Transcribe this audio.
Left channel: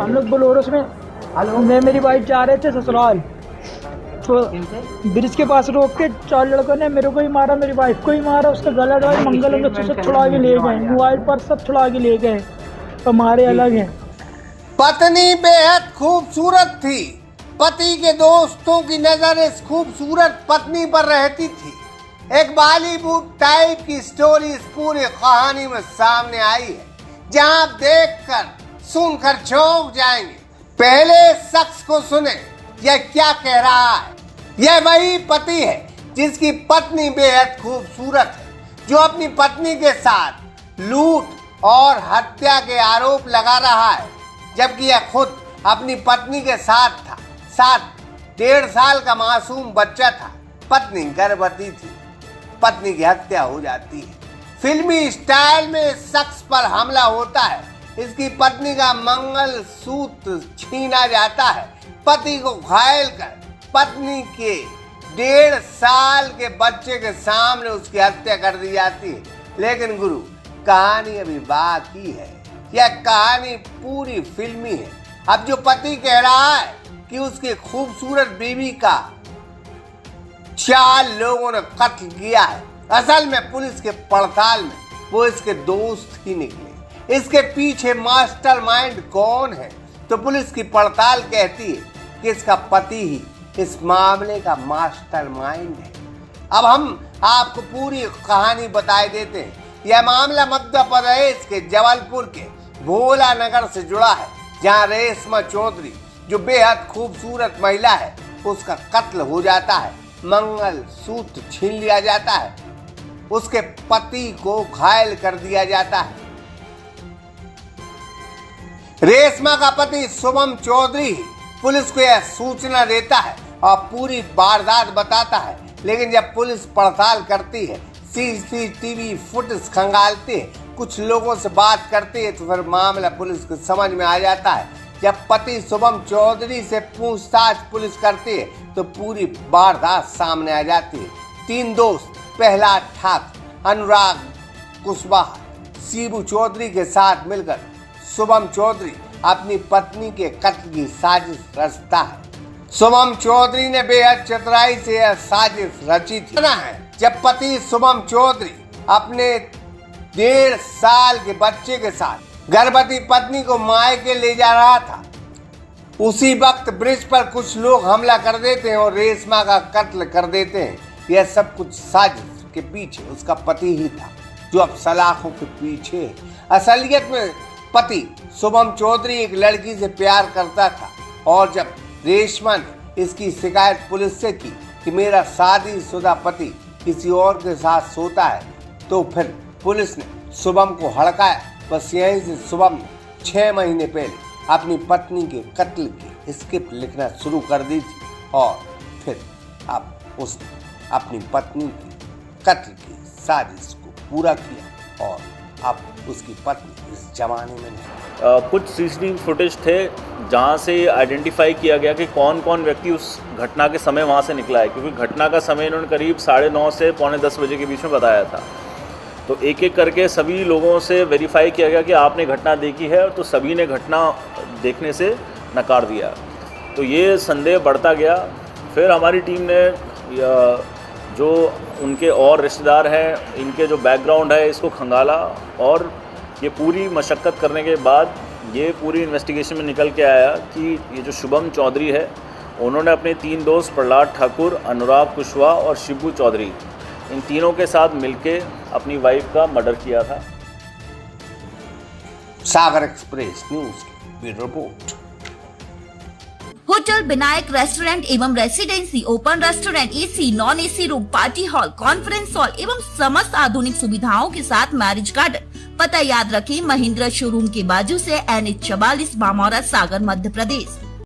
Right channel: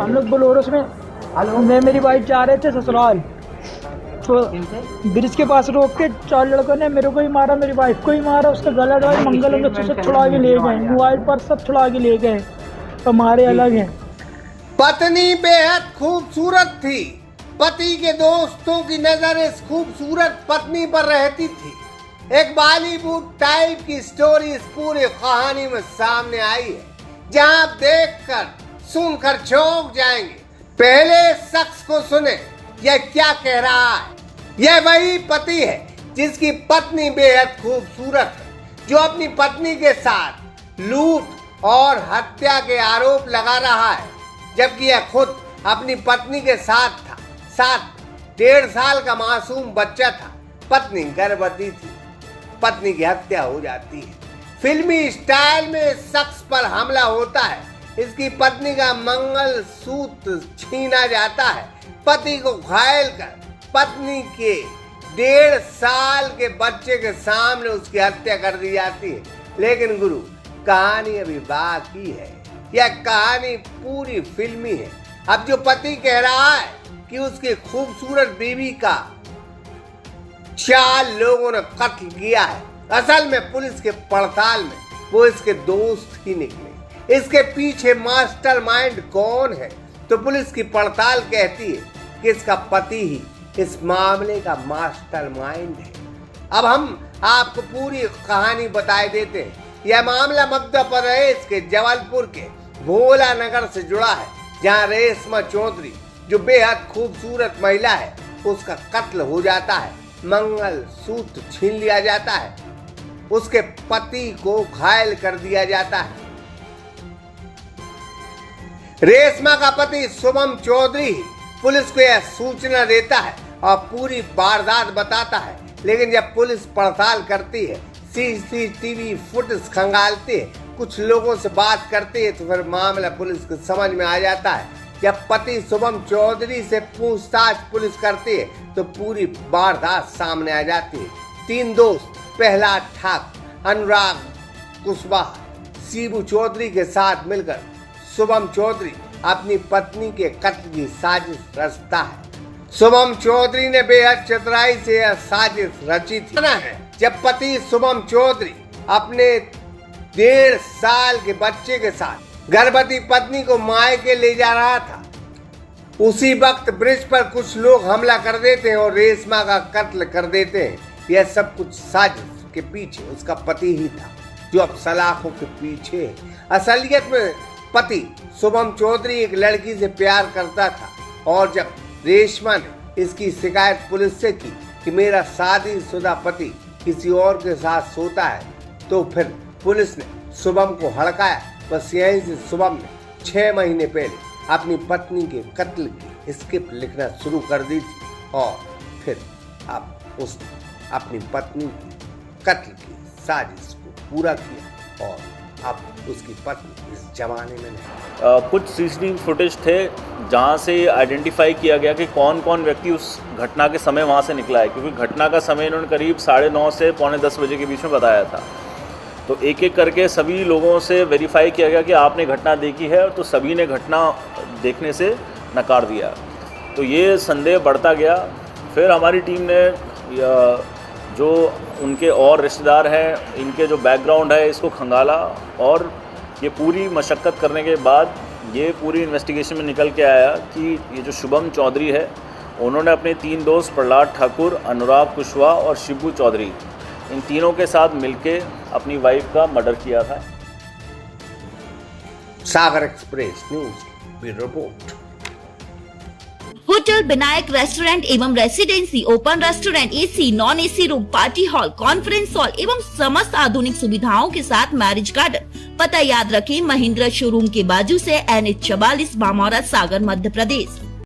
हम लोग बोलोरो में मैं मेरी वाइफ जा रहे थे ससुराल, तो ब्रिज के पास रोक के 4 लड़कों ने मेरे को ही मारा, मेरी वाइफ को ही मारा, उसका गला दबाई, मंगल अंग सब छुड़ा के ले गए, मोबाइल पर सब छुड़ा के ले गए, तो हमारे अलग हैं। पत्नी बेहद खूबसूरत थी। पति के दोस्तों की नजर इस खूबसूरत पत्नी पर रहती थी। एक बॉलीवुड टाइप की स्टोरी इस पूरी कहानी में सामने आई है, जहां आप देखकर सुनकर चौंक जाएंगे। पहले शख्स को सुने, यह क्या कह रहा है। यह वही पति है जिसकी पत्नी बेहद खूबसूरत है, जो अपनी पत्नी के साथ लूट और हत्या के आरोप लगा रहा है, जबकि यह खुद अपनी पत्नी के साथ था। साथ 1.5 साल का मासूम बच्चा था। पत्नी गर्भवती थी। पत्नी की हत्या हो जाती है। फिल्मी स्टाइल में इस शख्स पर हमला होता है। इसकी पत्नी का मंगलसूत्र छीना जाता है। पति को घायल कर पत्नी के 1.5 साल के बच्चे के सामने उसकी हत्या कर दी जाती है। लेकिन गुरु, कहानी अभी बाकी है। यह कहानी पूरी फिल्मी है। अब जो पति कह रहा है कि उसकी खूबसूरत बीवी का 4 लोगों ने कत्ल किया है, असल में पुलिस के पड़ताल में वो इसके दोस्त ही निकले। इसके पीछे मास्टरमाइंड कौन है, तो पुलिस की पड़ताल कहती है कि इसका पति ही इस मामले का मास्टरमाइंड है। अब हम आपको पूरी कहानी बताए देते हैं। यह मामला मध्य प्रदेश के जबलपुर के भोला नगर से जुड़ा है, जहां रेशमा चौधरी, जो बेहद खूबसूरत महिला है, उसका कत्ल हो जाता है, मंगलसूत्र छीन लिया जाता है, उसके पति को घायल कर दिया जाता है। रेशमा का पति शुभम चौधरी पुलिस को यह सूचना देता है और पूरी वारदात बताता है। लेकिन जब पुलिस पड़ताल करती है, सीसीटीवी फुटेज खंगालती है, कुछ लोगों से बात करती है, तो फिर मामला पुलिस को समझ में आ जाता है। जब पति शुभम चौधरी से पूछताछ पुलिस करती है, तो पूरी वारदात सामने आ जाती है। 3 दोस्त प्रहलाद ठाकुर, अनुराग कुशवाहा, शिबू चौधरी के साथ मिलकर शुभम चौधरी अपनी पत्नी के कत्ल की साजिश रचता है। शुभम चौधरी ने बेहद चतुराई से यह साजिश रची थी। जब पति शुभम चौधरी अपने 1.5 साल के बच्चे के साथ गर्भवती पत्नी को मायके ले जा रहा था, उसी वक्त ब्रिज पर कुछ लोग हमला कर देते हैं और रेशमा का कत्ल कर देते हैं। यह सब कुछ साजिश के पीछे उसका पति ही था, जो अब सलाखों के पीछे है। असलियत में पति शुभम चौधरी एक लड़की से प्यार करता था, और जब रेशमा ने इसकी शिकायत पुलिस से की कि मेरा शादीशुदा पति किसी और के साथ सोता है, तो फिर पुलिस ने शुभम को हड़काया। बस यहीं से शुभम ने 6 महीने पहले अपनी पत्नी के कत्ल की स्क्रिप्ट लिखना शुरू कर दी थी, और फिर अब उसने अपनी पत्नी की कत्ल की साजिश को पूरा किया, और अब उसकी पत्नी इस जमाने में नहीं। कुछ सीसीटीवी फुटेज थे जहां से आइडेंटिफाई किया गया कि कौन कौन व्यक्ति उस घटना के समय वहां से निकला है, क्योंकि घटना का समय इन्होंने करीब 9:30 से 9:45 बजे के बीच में बताया था। तो एक एक करके सभी लोगों से वेरीफाई किया गया कि आपने घटना देखी है, तो सभी ने घटना देखने से नकार दिया। तो ये संदेह बढ़ता गया। फिर हमारी टीम ने जो उनके और रिश्तेदार हैं, इनके जो बैकग्राउंड है, इसको खंगाला, और ये पूरी मशक्क़त करने के बाद ये पूरी इन्वेस्टिगेशन में निकल के आया कि ये जो शुभम चौधरी है, उन्होंने अपने 3 दोस्त प्रहलाद ठाकुर, अनुराग कुशवाहा और शिबू चौधरी, इन तीनों के साथ मिलके अपनी वाइफ का मर्डर किया था। सागर एक्सप्रेस न्यूज की रिपोर्ट। होटल विनायक रेस्टोरेंट एवं residency, open restaurant, AC, non AC room, party hall, conference hall एवं समस्त आधुनिक सुविधाओं के साथ मैरिज गार्डन। पता याद रखें, महिंद्रा शोरूम के बाजू से NH 44, बामौरा, सागर, मध्य प्रदेश।